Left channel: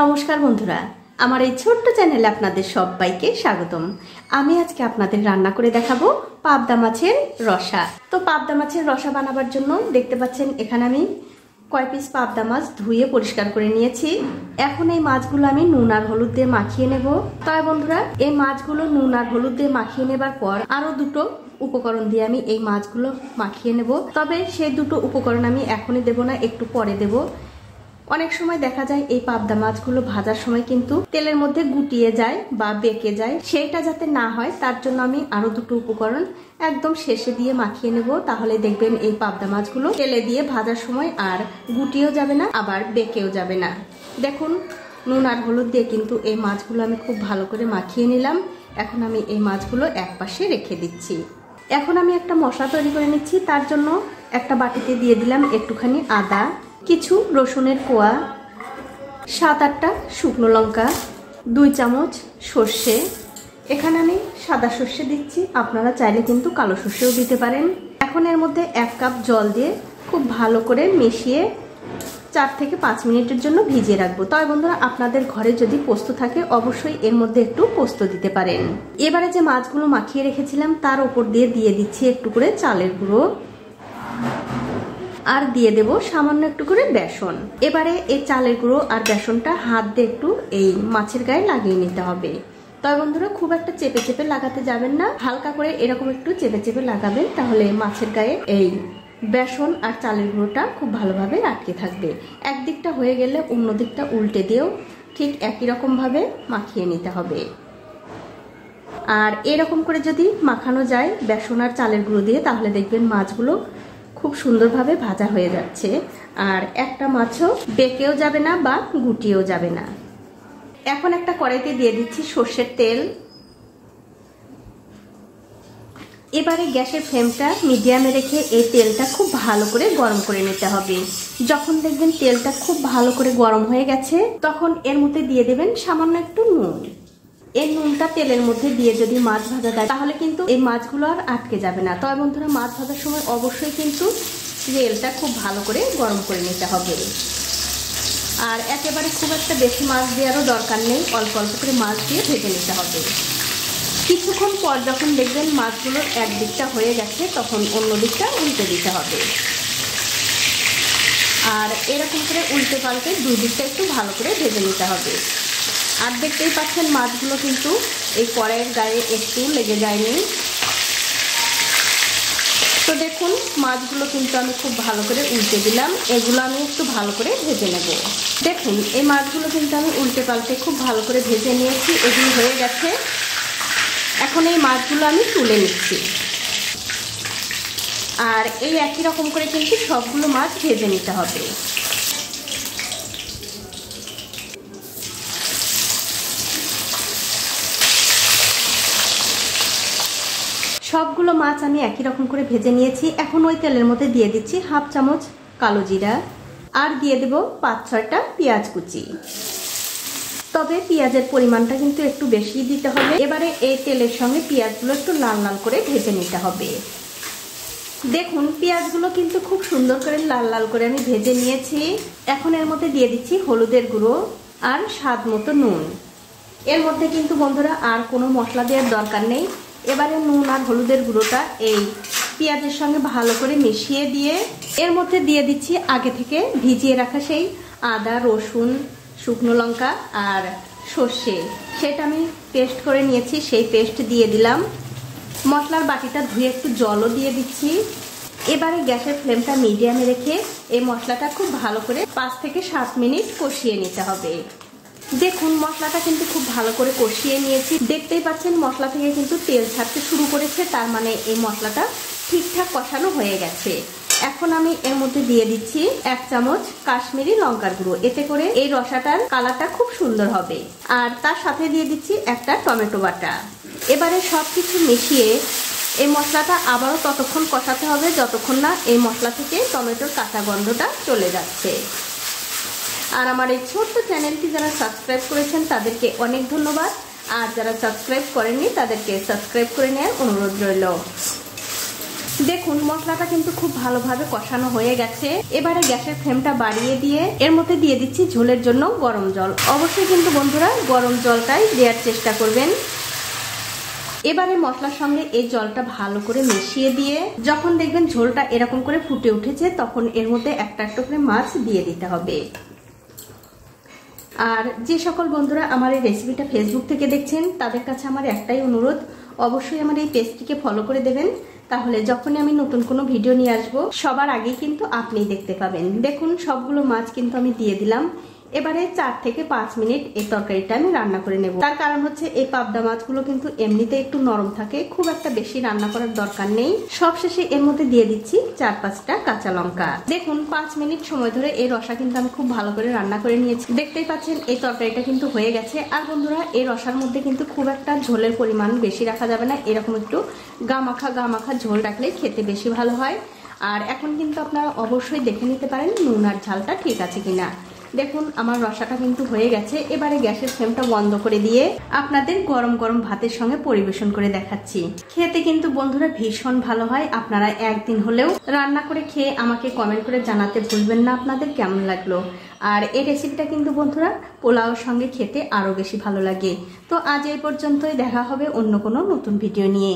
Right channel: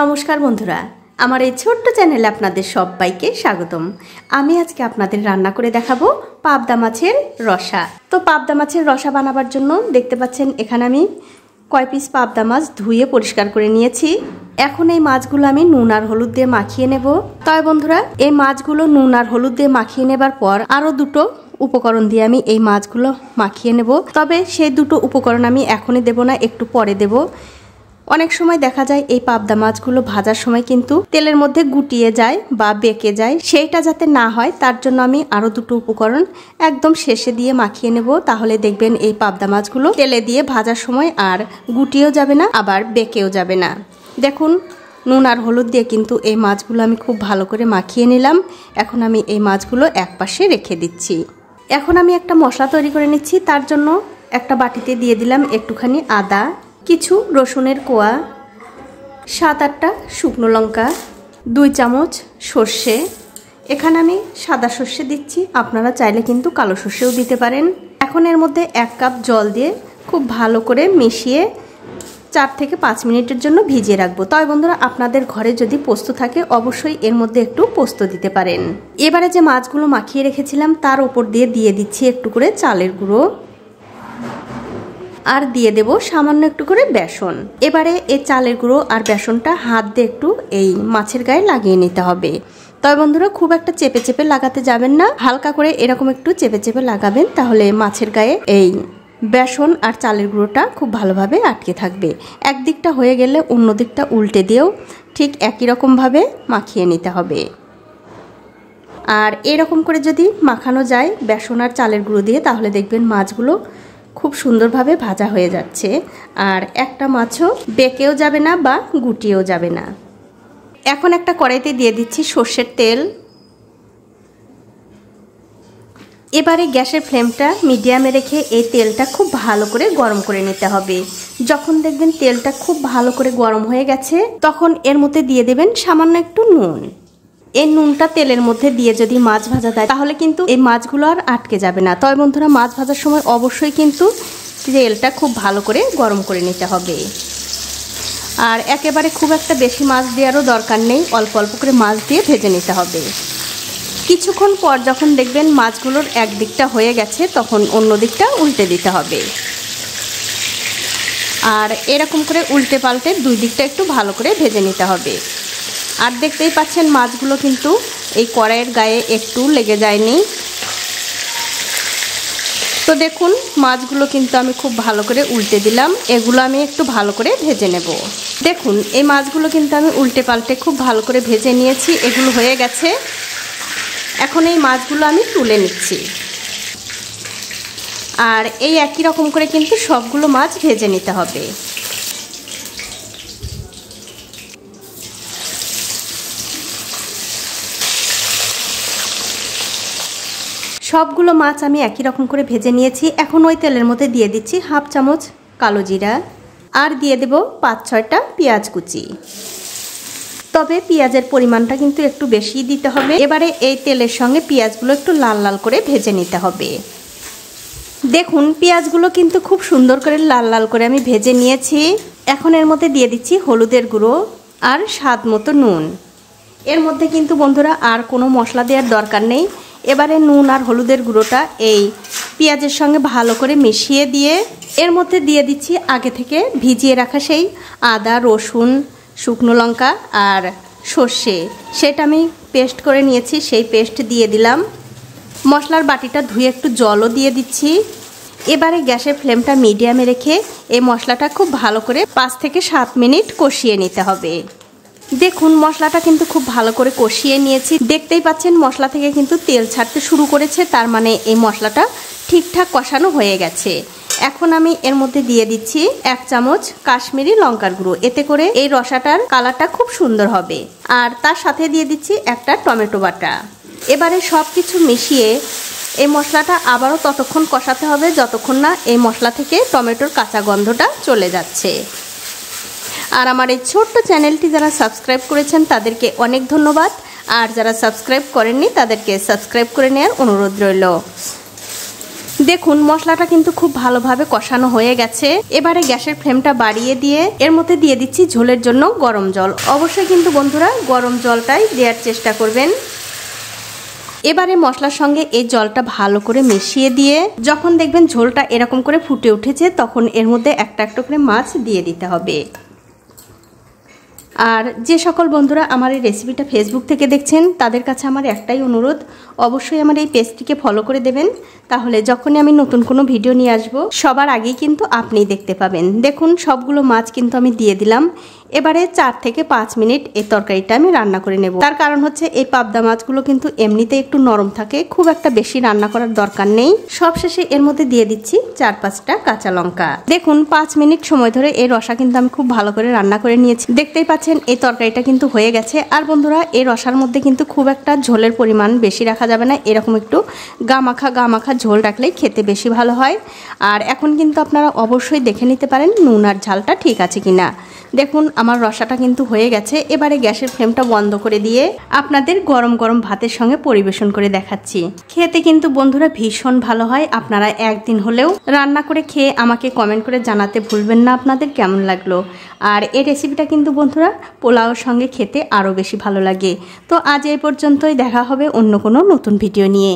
নমস্কার বন্ধুরা, আমার এই ছোট্ট চ্যানেলে আপনাদের সবাইকে স্বাগতম। আমি আজকে আপনাদের রান্না করে দেখাবো পাবদা মাছের রসা। তো পাবদা মাছের রসা বানাবার জন্য দেখতে পাচ্ছেন এখানে আমি কয় পিস পাবদা মাছ ধুয়ে পরিষ্কার করে নিয়েছি। এখন এই মাছগুলো আমি নুন আর হলুদ দিয়ে মাখিয়ে নেব। তবে বন্ধুরা, এই মাছগুলো নুন আর হলুদ দিয়ে মাখিয়ে নেবার পর আরও দুটো উপকরণ দিয়ে আমি এই মাছগুলো মাখিয়ে নেব। তবে সেই দুটো উপকরণ আমি এখনই দেব না, একটু পরে দেব। অনেক সময় দেখা যায় এই পাবদা মাছগুলো ভাজার সময় কিন্তু তেলের মধ্যে গুটিয়ে যায় বা বেঁকে যায়, সেইটা যাতে না হয় তার জন্য আমি আরো দুটো উপকরণ একদম শেষে দিয়ে মাখিয়ে নেব। তাহলে দেখবেন এই পাবদা মাছগুলো তেলে দিয়ে ভাজার সময় আর গুটিয়েও যাবে না, আবার বেঁকেও যাবে না। দেখুন, নুন আর হলুদ দিয়ে কিন্তু এই মাছগুলো আমি খুব ভালো করে মাখিয়ে নিলাম। এখন আমি এই মাছগুলো একপাশে রেখে দিচ্ছি। এখন আমি একটা মশলা তৈরি করে নিচ্ছি। তার জন্য একটা বাটিতে দিয়ে দিলাম একটুখানি আদা, কিছু রসুনের কোয়া, 7-8টা শুকনো লঙ্কা, 2 চামচ সর্ষে। এখানে আমি সাদা সর্ষে দিচ্ছি, আপনারা চাইলে কিন্তু কালো সর্ষেও দিতে পারেন। এখন এর মধ্যে 1 কাপ জল দিয়ে খুব ভালো করে মিশিয়ে 4 থেকে 5 মিনিটের জন্য ভিজিয়ে রাখবো। তবে বন্ধুরা, আপনাদের ঘরে যদি পোস্ত থাকে অবশ্যই এর মধ্যে একটু পোস্ত দিতে পারেন। এবারে যে মাছগুলো মাখিয়ে রেখেছিলাম তার উপর দিয়ে দিচ্ছি একটু করে চালের গুঁড়ো, আর দিয়ে দেব সামান্য একটু করে বেসন। এবারে এই চালের গুঁড়ো আর বেসনটা হাত দিয়ে একটু এই মাছের গায়ে লাগিয়ে নিতে হবে। তবে বন্ধুরা, খুব একটা চেপে চেপে লাগাতে যাবেন না, হালকা করে এরকম একটু চেপে চেপে লাগাবেন, তাহলে মাছের গায়ে এই বেসন আর চালের গুঁড়োটা খুব ভালোভাবে আটকে থাকবে। একদিকটা হয়ে গেলে অন্য দিকটা উল্টে দিয়েও ঠিক একই রকমভাবে মাখিয়ে নিতে হবে। আর এরকম করে যদি মাখানো যায় বেসন আর চালের গুঁড়ো দিয়ে, তাহলে দেখবেন মাছগুলো খুব সুন্দরভাবে ভাজা হয়ে যাচ্ছে, আর একটা মাছও বেঁকেও যাবে না বা গুটিয়েও যাবে না। এখন একটা কড়াইতে দিয়ে দিচ্ছি সর্ষের তেল। এবারে গ্যাসের ফ্লেমটা মিডিয়ামে রেখে এই তেলটা খুব ভালো করে গরম করে নিতে হবে। যখন দেখবেন তেলটা খুব ভালো করে গরম হয়ে গেছে, তখন এর মধ্যে দিয়ে দেবেন সামান্য একটু নুন। এই নুনটা তেলের মধ্যে দিয়ে যদি মাছ ভাজা যায়, তাহলে কিন্তু এই মাছগুলো আর আটকে যাবে না। তবে বন্ধুরা, মাছ ভাজার সময় অবশ্যই কিন্তু তেলটা খুব ভালো করে গরম করে নিতে হবে। আর একেবারে খুব একটা বেশি মাছ দেওয়ারও দরকার নেই, অল্প অল্প করে মাছ দিয়ে ভেজে নিতে হবে। কিছুক্ষণ পর যখন দেখবেন মাছগুলোর এক দিকটা হয়ে গেছে, তখন অন্য দিকটা উল্টে দিতে হবে। আর এরকম করে উল্টে পাল্টে 2 দিকটা একটু ভালো করে ভেজে নিতে হবে। আর দেখতেই পাচ্ছেন মাছগুলো কিন্তু এই কড়াইয়ের গায়ে একটু লেগে যায়নি। তো দেখুন, মাছগুলো কিন্তু আমি খুব ভালো করে উল্টে দিলাম। এগুলো আমি একটু ভালো করে ভেজে নেব। দেখুন, এই মাছগুলো কিন্তু আমি উল্টে পাল্টে খুব ভালো করে ভেজে নিয়েছি, এগুলো হয়ে গেছে। এখন এই মাছগুলো আমি তুলে নিচ্ছি। আর এই একই রকম করে কিন্তু সবগুলো মাছ ভেজে নিতে হবে। সবগুলো মাছ আমি একই রকম করে ভেজে নিয়েছি। এখন ওই তেলের মধ্যে দিয়ে দিচ্ছি 1/2 চামচ কালো জিরা, আর দিয়ে দেব 5-6টা পেঁয়াজ কুচি। তবে পেঁয়াজের পরিমাণটা কিন্তু একটু বেশি দিতে হবে। এবারে এই তেলের সঙ্গে পেঁয়াজগুলো একটু লাল লাল করে ভেজে নিতে হবে। দেখুন, পেঁয়াজগুলো কিন্তু খুব সুন্দর করে লাল লাল করে আমি ভেজে নিয়েছি। এখন এর মধ্যে দিয়ে দিচ্ছি হলুদের গুঁড়ো আর স্বাদ মতো নুন। এর মধ্যে কিন্তু বন্ধুরা আর কোনো মশলা দেওয়ার দরকার নেই। এবারে নুন আর হলুদের গুঁড়োটা এই পেঁয়াজের সঙ্গে ভালো করে মিশিয়ে দিয়ে এর মধ্যে দিয়ে দিচ্ছি আগে থেকে ভিজিয়ে রাখা সেই আদা, রসুন, শুকনো লঙ্কা আর সর্ষে, সেটা আমি পেস্ট করে নিয়েছি, সেই পেস্ট দিয়ে দিলাম। মশলার বাটিটা ধুয়ে একটু জলও দিয়ে দিচ্ছি। এবারে গ্যাসের ফ্লেমটা মিডিয়ামে রেখে এই মশলাটা খুব ভালো করে 5 থেকে 7 মিনিট কষিয়ে নিতে হবে। দেখুন, মশলাটা কিন্তু খুব ভালো করে কষিয়ে নিয়েছি। দেখতেই পাচ্ছেন মশলা থেকে কিন্তু তেল ছাড়তে শুরু করেছে, তার মানে এই মশলাটা ঠিকঠাক কষানো হয়ে গেছে। এখন আমি এর মধ্যে দিয়ে দিচ্ছি 1 চামচ কাশ্মীরি লঙ্কার গুঁড়ো, এতে করে এই রসাটার কালারটা খুব সুন্দর হবে। আর তার সাথে দিয়ে দিচ্ছি একটা টমেটো বাটা। এবারে সব কিছু মিশিয়ে এই মশলাটা আবারও ততক্ষণ কষাতে হবে যতক্ষণ না এই মশলা থেকে টমেটোর কাঁচা গন্ধটা চলে যাচ্ছে। আর আমার এই ছোট্ট চ্যানেলটি যারা সাবস্ক্রাইব করেছেন তাদেরকে অনেক ধন্যবাদ, আর যারা সাবস্ক্রাইব করেননি তাদেরকে সাবস্ক্রাইব করে নেওয়ার অনুরোধ রইল। দেখুন মশলাটা কিন্তু খুব ভালোভাবে কষানো হয়ে গেছে। এবারে গ্যাসের ফ্লেমটা বাড়িয়ে দিয়ে এর মধ্যে দিয়ে দিচ্ছি ঝোলের জন্য গরম জল। অবশ্যই কিন্তু বন্ধুরা গরম জলটাই দেওয়ার চেষ্টা করবেন। এবারে মশলার সঙ্গে এই জলটা ভালো করে মিশিয়ে দিয়ে যখন দেখবেন ঝোলটা এরকম করে ফুটে উঠেছে তখন এর মধ্যে একটা একটা করে মাছ দিয়ে দিতে হবে। আর যে সকল বন্ধুরা আমার এই রেসিপিটা ফেসবুক থেকে দেখছেন তাদের কাছে আমার একটাই অনুরোধ, অবশ্যই আমার এই পেজটিকে ফলো করে দেবেন, তাহলে যখনই আমি নতুন কোনো ভিডিও নিয়ে আসব সবার আগেই কিন্তু আপনিই দেখতে পাবেন। দেখুন সবগুলো মাছ কিন্তু আমি দিয়ে দিলাম। এবারে 4 থেকে 5 মিনিট এই তরকারিটা আমি রান্না করে নেব। তার কারণ হচ্ছে এই পাবদা মাছগুলো কিন্তু এমনিতে একটু নরম থাকে, খুব একটা বেশি রান্না করার দরকার নেই। সবশেষে এর মধ্যে দিয়ে দিচ্ছি 4-5টা কাঁচা লঙ্কা। দেখুন 5 মিনিট সময় ধরে এই রসা কিন্তু আমি খুব ভালো করে রান্না করে নিয়েছি। দেখতেই পাচ্ছেন এই তরকারিটা কিন্তু হয়ে গেছে। আর বন্ধুরা এই রসার মধ্যে কিন্তু খুব একটা ঝোলের পরিমাণ বেশি রাখা যাবে না, এরকম একটু গামাখা ঝোল রাখলেই খেতে বেশি ভালো হয়। আর এখন কিন্তু আপনারা অবশ্যই দেখে নিতে পারেন নুন আর ঝালটা ঠিক আছে কিনা। দেখুন আমার রসাটা কিন্তু হয়ে গেছে। এবারে গ্যাসের ফ্লেমটা বন্ধ করে দিয়ে আপনাদের গরম গরম ভাতের সঙ্গে পরিবেশন করে দেখাচ্ছি। খেতে কিন্তু বন্ধুরা ভীষণ ভালো হয়। আপনারা একদিন হলেও রান্না করে খেয়ে আমাকে কমেন্ট করে জানাতে ভুলবেন না আপনাদের কেমন লাগলো। আর এই রেসিপিটা কিন্তু বন্ধুরা পোলাওর সঙ্গে খেতে আরও বেশি ভালো লাগে। তো আজ এই পর্যন্তই, দেখা হবে অন্য কোনো নতুন ভিডিও নিয়ে।